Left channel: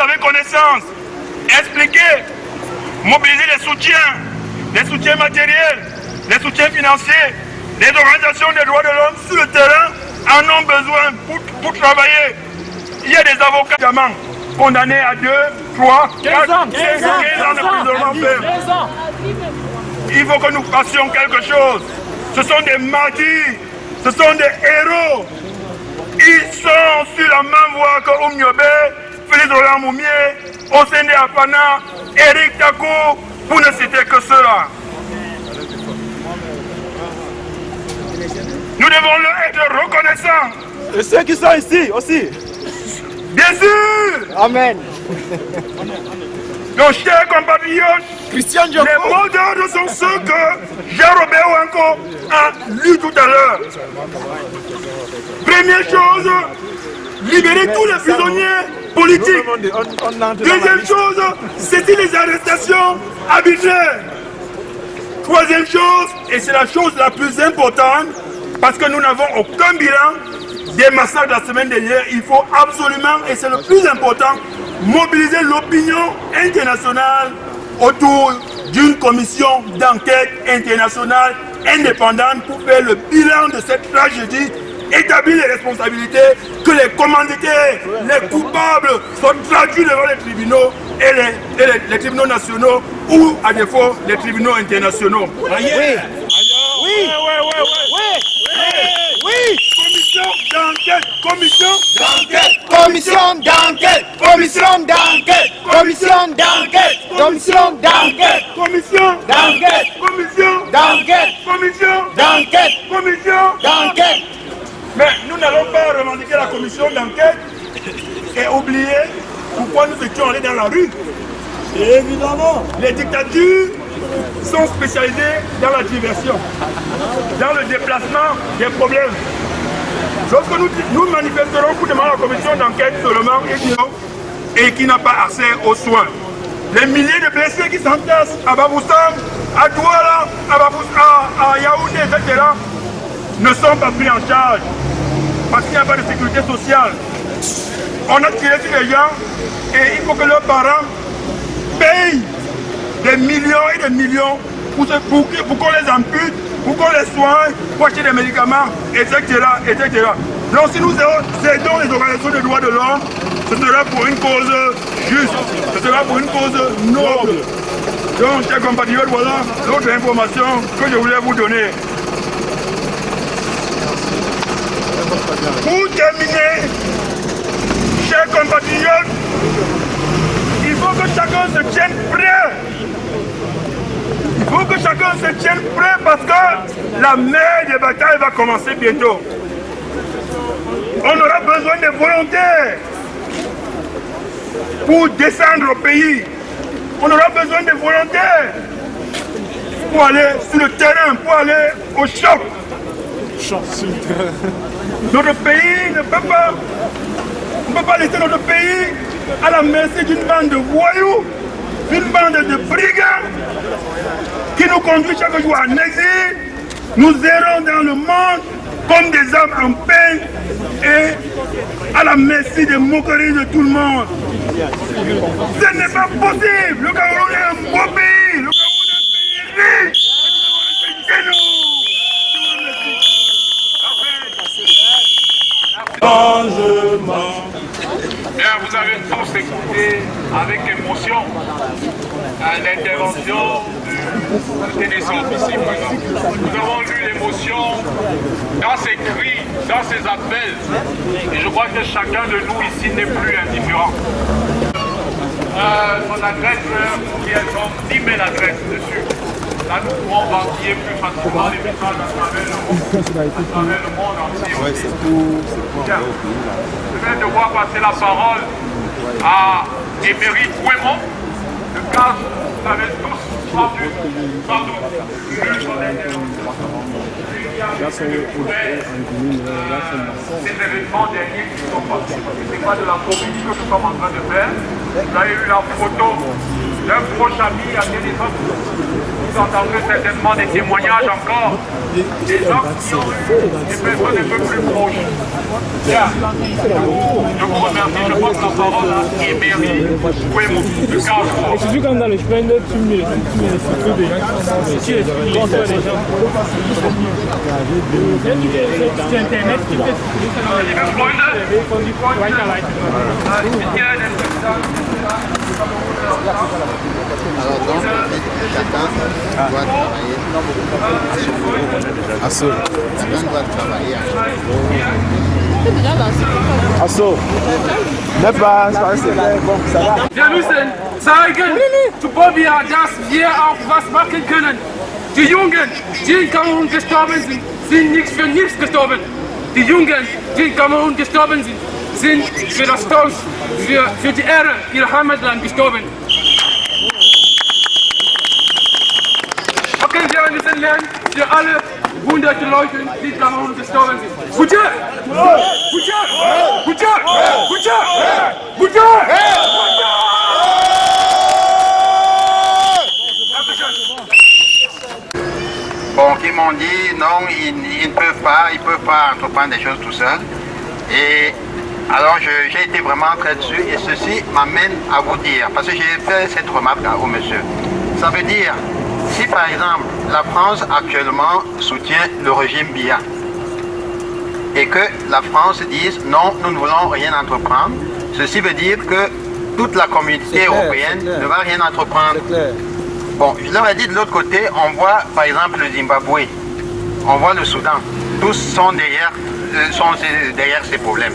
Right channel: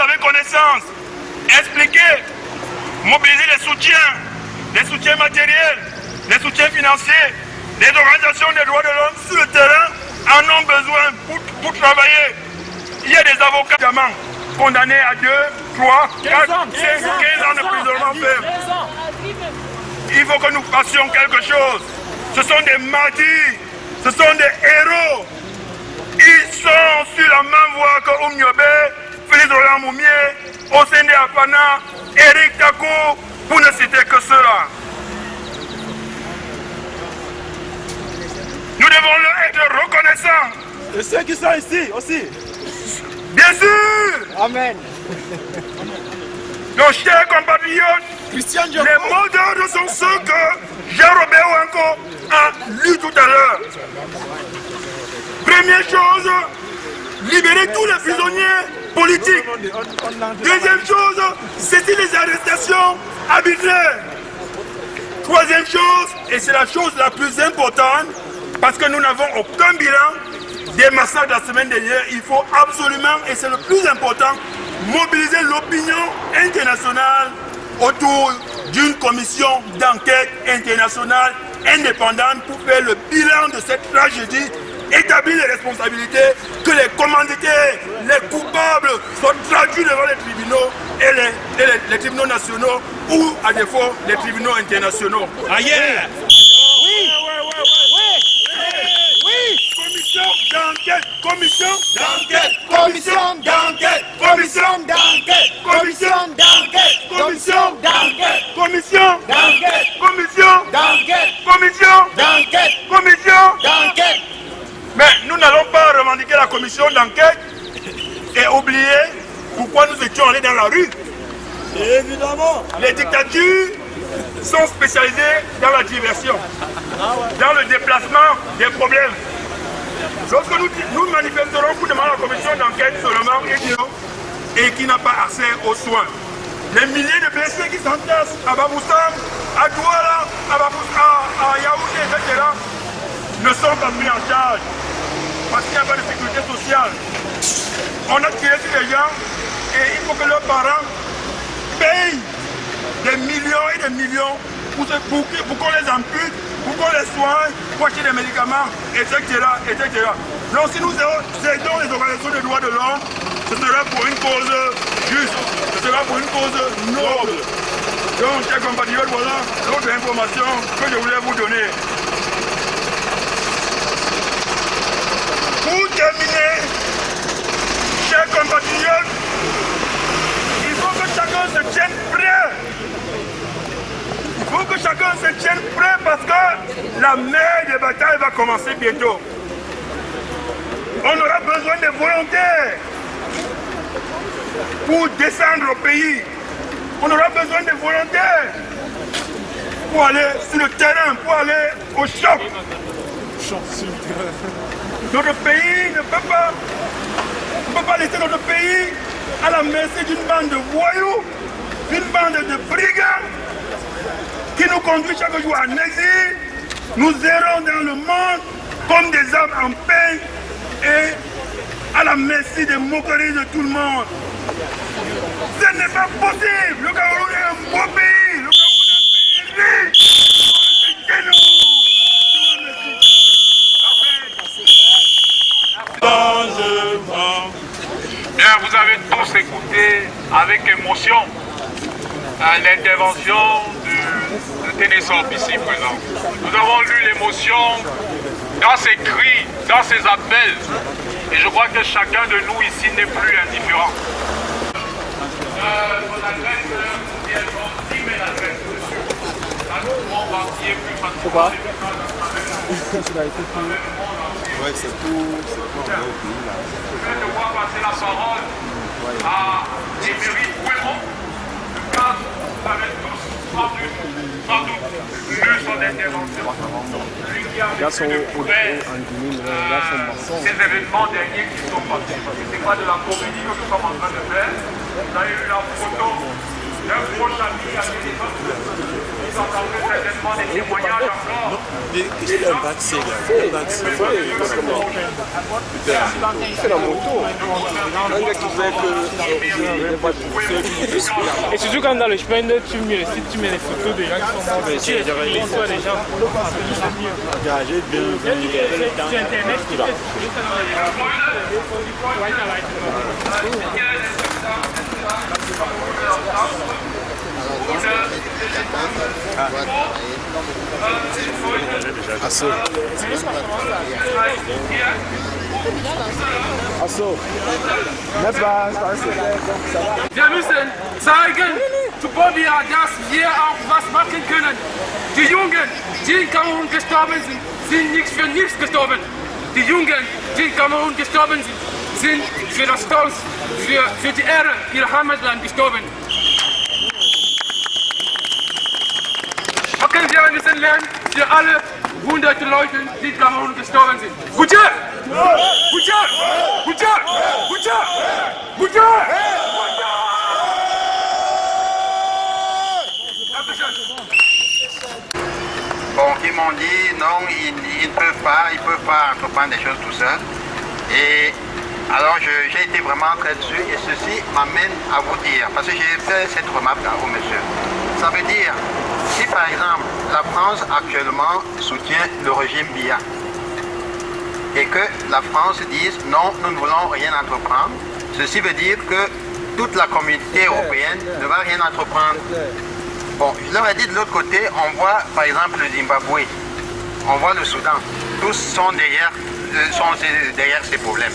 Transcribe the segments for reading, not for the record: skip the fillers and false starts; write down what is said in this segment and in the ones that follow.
avez connaissance, expliquez, mobilisez les soutiens matériels, les soutiens financiers. Les organisations des droits de l'homme sur le terrain en ont besoin pour travailler. Il y a des avocats condamnés à 2, 3, 4, 5, 15 ans de prison ferme. Il faut que nous fassions quelque chose. Ce sont des martyrs, ce sont des héros. Ils sont sur la même voie que Oumniobé, Félix Roland Moumié, Osende Afana, Eric Tako, pour ne citer que ceux-là. Nous devons leur être reconnaissants. Et ceux qui sont ici aussi. Bien sûr. Amen. Donc, chers compatriotes, les mots d'ordre sont ceux que Jean-Robert Ouanko a lus tout à l'heure. Première chose, libérer tous les prisonniers politiques. Deuxième chose, cesser les arrestations arbitraires. Troisième chose, et c'est la chose la plus importante, parce que nous n'avons aucun bilan des massacres de la semaine dernière, il faut absolument, et c'est le plus important, mobiliser l'opinion internationale autour d'une commission d'enquête internationale indépendante pour faire le bilan de cette tragédie, établir les responsabilités, que les commanditaires, les coupables soient traduits devant les tribunaux et les tribunaux nationaux ou à défaut les tribunaux internationaux. Ailleurs. Oui. Commission d'enquête, Commission d'enquête. Commission d'enquête. Commission d'enquête. Commission d'enquête. commission D'enquête. commission D'enquête. commission D'enquête. commission. D'enquête. Mais nous n'allons pas revendiquer la commission d'enquête et oublier pourquoi nous étions allés dans la rue. Évidemment. Les dictatures sont spécialisées dans la diversion, dans le déplacement des problèmes. Lorsque nous manifesterons pour demander à la commission d'enquête seulement et qui n'a pas accès aux soins, les milliers de blessés qui s'entassent à Baboussam, à Douala, à Yaoundé, etc., ne sont pas pris en charge parce qu'il n'y a pas de sécurité sociale. On a tiré sur les gens et il faut que leurs parents payent des millions et des millions pour qu'on les ampute, pour qu'on les soigne, pour acheter des médicaments, etc., etc. Donc si nous aidons les organisations des droits de l'homme, ce sera pour une cause juste, ce sera pour une cause noble. Donc, chers compatriotes, voilà l'autre information que je voulais vous donner. Pour terminer, chers compatriotes, il faut que chacun se tienne prêt. Il faut que chacun se tienne prêt parce que la mer des batailles va commencer bientôt. On aura besoin de volontaires pour descendre au pays. On aura besoin de volontaires pour aller sur le terrain, pour aller au choc. Notre pays ne peut pas, on ne peut pas laisser notre pays à la merci d'une bande de voyous, d'une bande de brigands qui nous conduit chaque jour en exil. Nous errons dans le monde comme des hommes en peine et à la merci des moqueries de tout le monde. Ce n'est pas possible. Le Cameroun est un beau pays. Le Cameroun est un pays riche. C'est nous. Bien, vous avez tous écouté avec émotion l'intervention de Ténésor ici présent. Nous avons lu l'émotion dans ses cris, dans ses appels. Et je crois que chacun de nous ici n'est plus indifférent. Mon adresse, il y a 10 000 adresses dessus. Là, nous pouvons entier plus facilement les messages à travers le monde entier. Ouais, c'est pour Je viens de voir passer la parole à Émeric Ouémont. Le cas, vous avez tous sans doute lu son intervention. Lui qui a vécu de près ces événements derniers qui sont passés. Parce que ce n'est pas de la comédie que nous sommes en train de faire. Vous avez eu la photo d'un proche ami à Téléphone. Vous entendrez certainement des témoignages encore. Des gens qui ont des personnes un peu plus proches. Et surtout quand dans le chemin, tu mets les photos des gens qui sont morts, tu les photos des gens. Sur Internet, tu fais Asso. N'est pas, ça va. Wir müssen zeigen, zu Bobia, dass wir auch was machen können. Die Jungen, die in Kamerun gestorben sind, sind nicht für nichts gestorben. Die Jungen, die in Kamerun gestorben sind, sind für das Stolz, für die Ehre ihrer Heimatland gestorben. Machen wir ein bisschen lernen für alle hunderte Leute, die in Kamerun gestorben sind. Gute! Gute! Gute! Gute! Gute! Bon, qui m'ont dit non, ils ne peuvent pas entreprendre des choses tout seuls. Et alors j'ai été vraiment très dessus et ceci m'amène à vous dire, parce que j'ai fait cette remarque au monsieur. Ça veut dire, si par exemple la France actuellement soutient le régime Biya et que la France dise non, nous ne voulons rien entreprendre, ceci veut dire que toute la communauté européenne ne va rien entreprendre. Bon, je leur ai dit de l'autre côté, on voit par exemple le Zimbabwe, on voit le Soudan, tous sont derrière ces problèmes.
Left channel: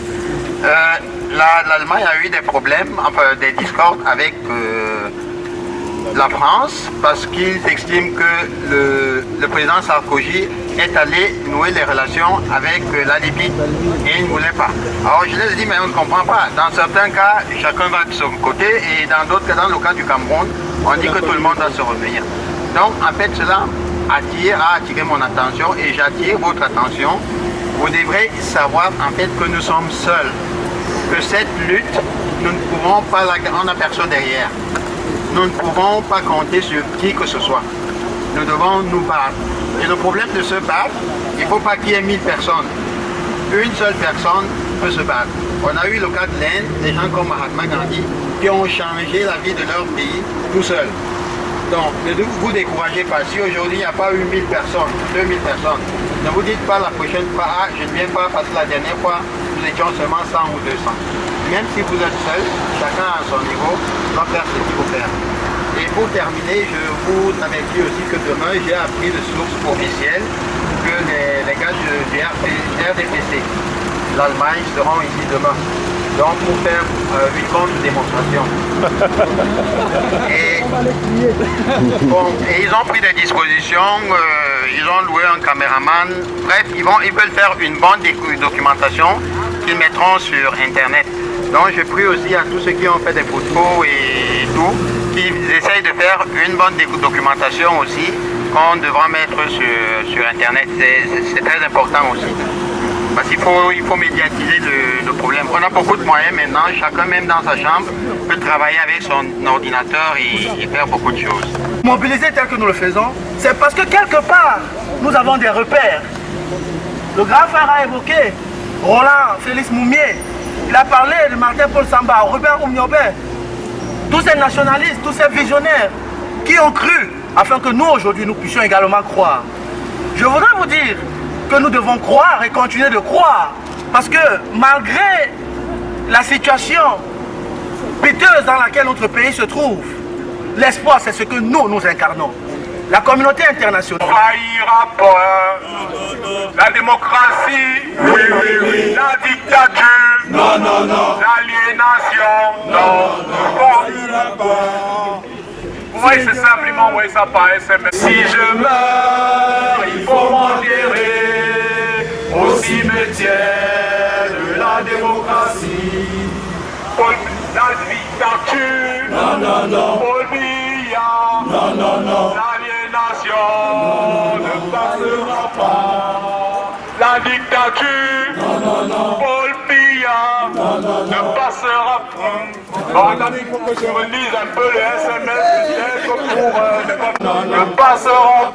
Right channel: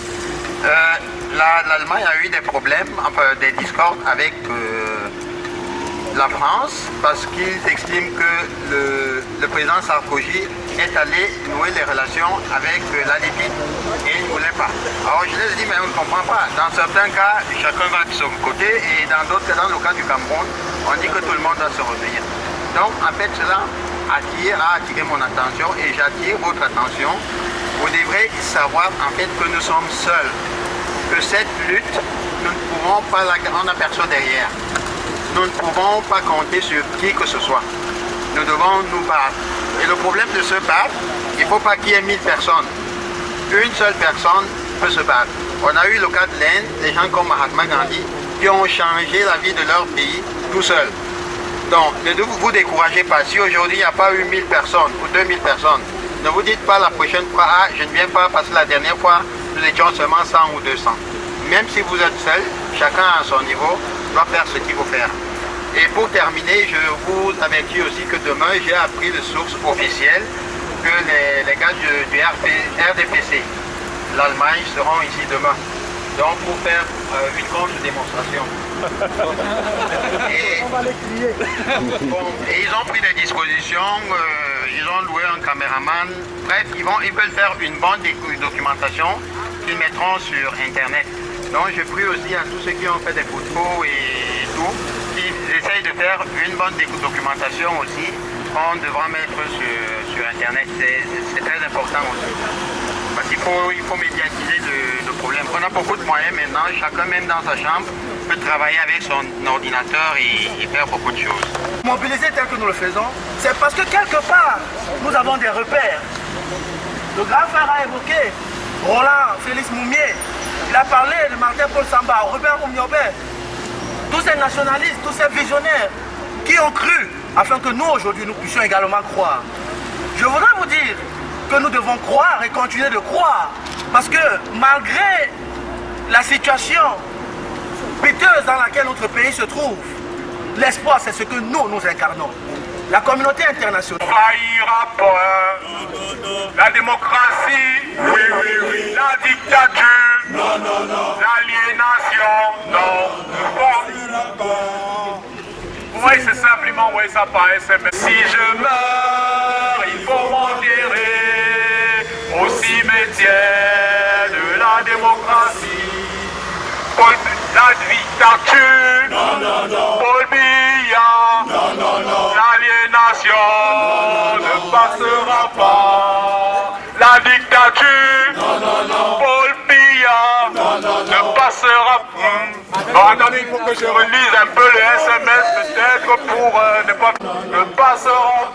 L'Allemagne a eu des problèmes, enfin des discordes avec la France parce qu'ils estiment que le président Sarkozy est allé nouer les relations avec la Libye et il ne voulait pas. Alors je leur ai dit mais on ne comprend pas. Dans certains cas, chacun va de son côté et dans d'autres cas, dans le cas du Cameroun, on dit que tout le monde doit se revenir. Donc en fait cela a attiré mon attention et j'attire votre attention. Vous devrez savoir en fait que nous sommes seuls, que cette lutte, nous ne pouvons pas on n'a personne derrière. Nous ne pouvons pas compter sur qui que ce soit. Nous devons nous battre. Et le problème de se battre, il ne faut pas qu'il y ait 1000 personnes. Une seule personne peut se battre. On a eu le cas de l'Inde, des gens comme Mahatma Gandhi, qui ont changé la vie de leur pays tout seuls. Donc, ne vous découragez pas. Si aujourd'hui il n'y a pas eu 1000 personnes ou 2000 personnes, ne vous dites pas la prochaine fois, ah, je ne viens pas parce que la dernière fois, nous étions seulement 100 ou 200. Même si vous êtes seul, chacun à son niveau doit faire ce qu'il faut faire. Et pour terminer, je vous avertis aussi que demain, j'ai appris de sources officielles que les gars du RDPC, l'Allemagne, seront ici demain. Donc pour faire une contre-démonstration. Et ils ont pris des dispositions, ils ont loué un caméraman. Bref, ils veulent faire une bonne documentation qu'ils mettront sur Internet. Donc je prie aussi à tous ceux qui ont fait des photos et tout, qu'ils essayent de faire une bonne documentation aussi, qu'on devra mettre sur Internet. C'est très important aussi. Parce qu'il faut médiatiser le problème. On a beaucoup de moyens maintenant, chacun même dans sa chambre peut travailler avec son ordinateur et faire beaucoup de choses. Mobiliser tel que nous le faisons, c'est parce que quelque part, nous avons des repères. Le grand frère a évoqué Roland Félix Moumier, il a parlé de Martin-Paul Samba, Robert Oumniobé, tous ces nationalistes, tous ces visionnaires qui ont cru afin que nous aujourd'hui nous puissions également croire. Je voudrais vous dire que nous devons croire et continuer de croire parce que malgré la situation piteuse dans laquelle notre pays se trouve, l'espoir c'est ce que nous incarnons. La communauté internationale. Faillira pas. La démocratie, oui, oui, oui. La dictature, non, non, non. L'aliénation, non. Vous voyez, c'est simplement, oui, ça paraît simple. Si je meurs, il faut m'enterrer au cimetière de la démocratie. La dictature, non, non, non. Paul Biya, non, non, non. L'aliénation ne passera pas. La dictature, non, non, non. Paul Biya, non, non, non. Ne passera pas. Bon, attendez, il faut que je relise un peu les SMS peut-être pour ne pas... Le passeur